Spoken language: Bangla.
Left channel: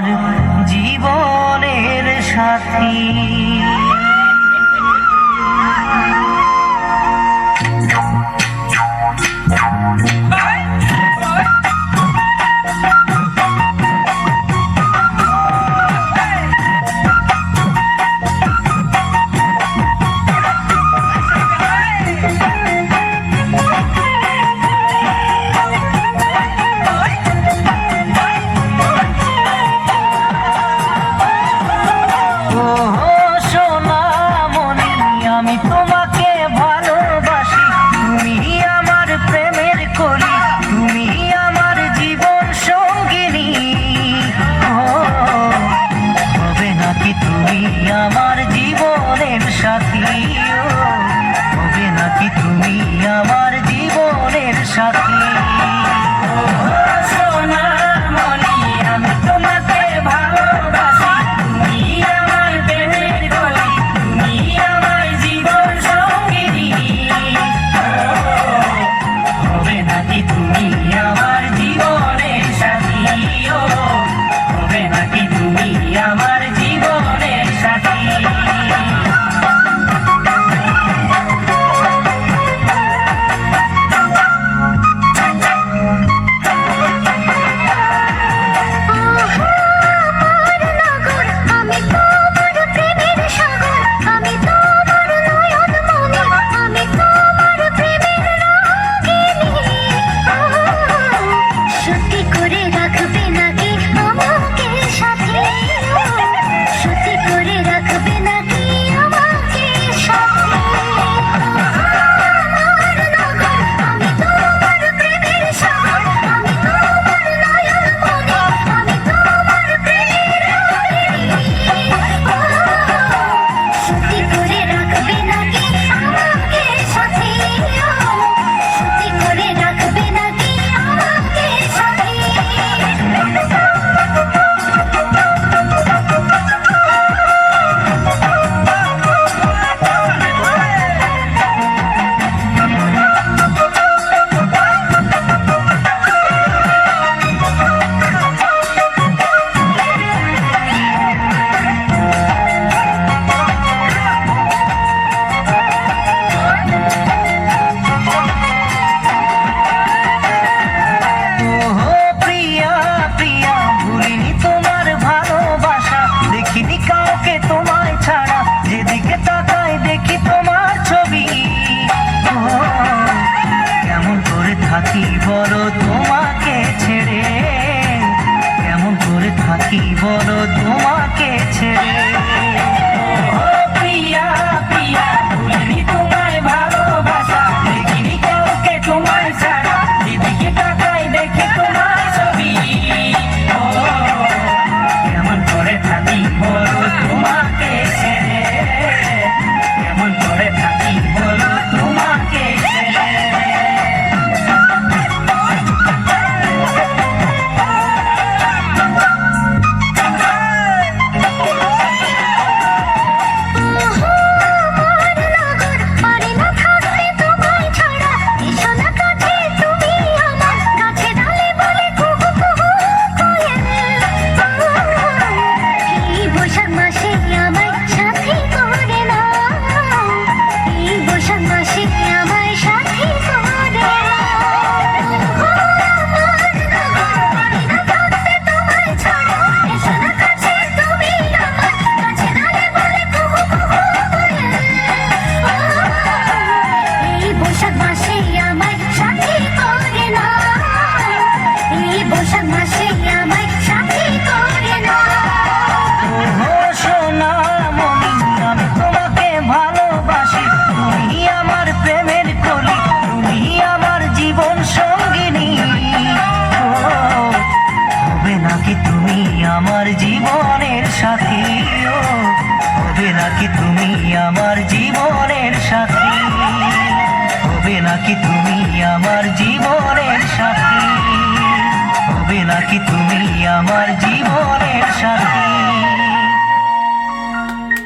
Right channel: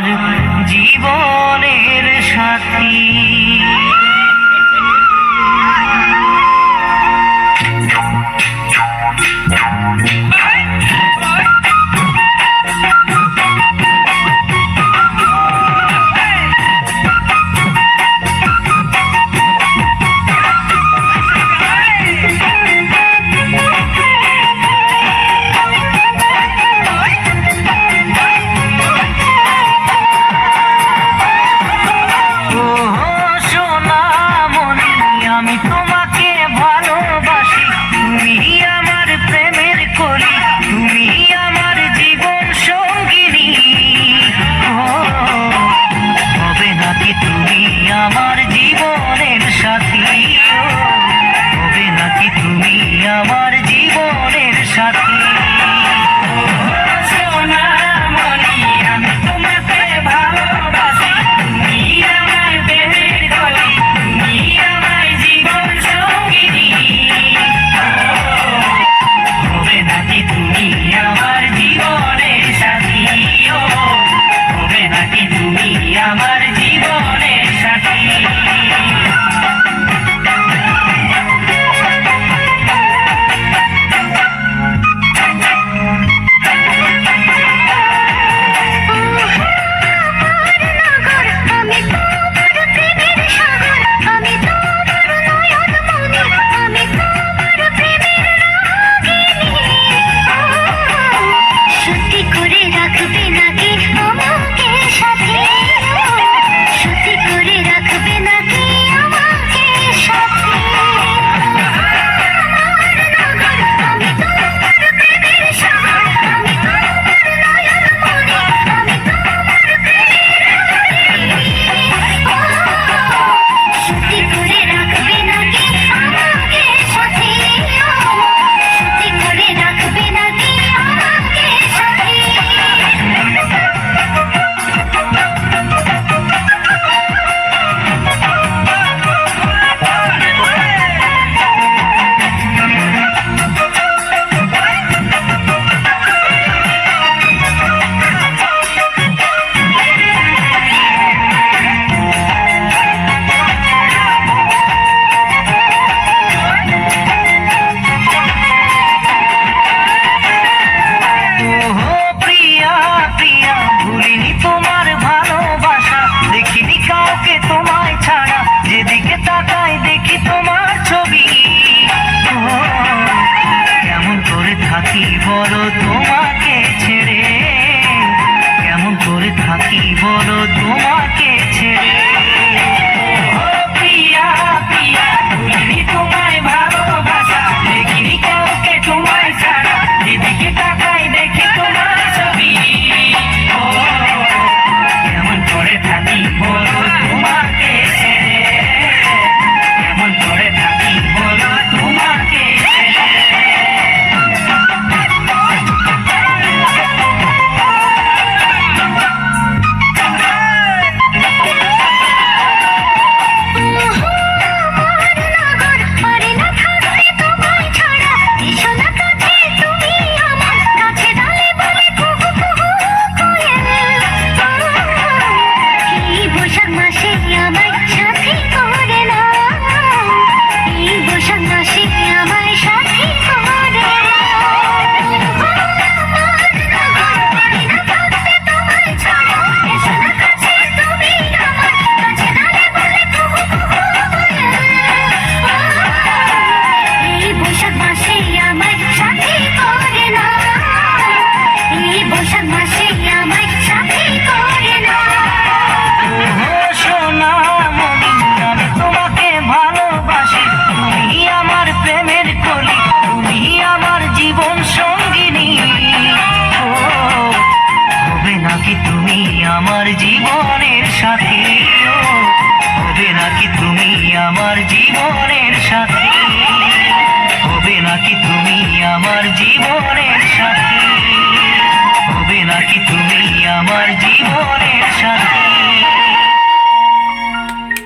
আমার জীবনের সাথী। আমার জীবনের সাথী হবে নাকি তুমি আমার জীবনের সাথী? সোনামণি আমি তোমাকে ভালোবাসি, তুমি আমার প্রেমের কলি, তুমি আমার জীবন সঙ্গিনী। হবে নাকি তুমি আমার জীবনের সাথী? হবে নাকি তুমি আমার জীবনের সাথী? যেদিকে তাকাই দেখি তোমার ছবি, কেমন করে থাকি বলো তোমাকে ছেড়ে, কেমন করে থাকি বলো তোমাকে ছেড়ে। প্রিয়া প্রিয়া ভুলিনি তোমায় ভালোবাসা, দেখিনি কাউকে তোমায় ছাড়া, যেদিকে তাকাই দেখি তোমার ছবি, কেমন করে থাকি বলো তোমাকে ছেড়ে, কেমন করে থাকি বলো তোমাকে ছেড়ে। আমার জীবনের সাথী হবে নাকি তুমি আমার জীবনের সাথী? হবে নাকি তুমি আমার জীবনের সাথী? হবে নাকি তুমি আমার জীবন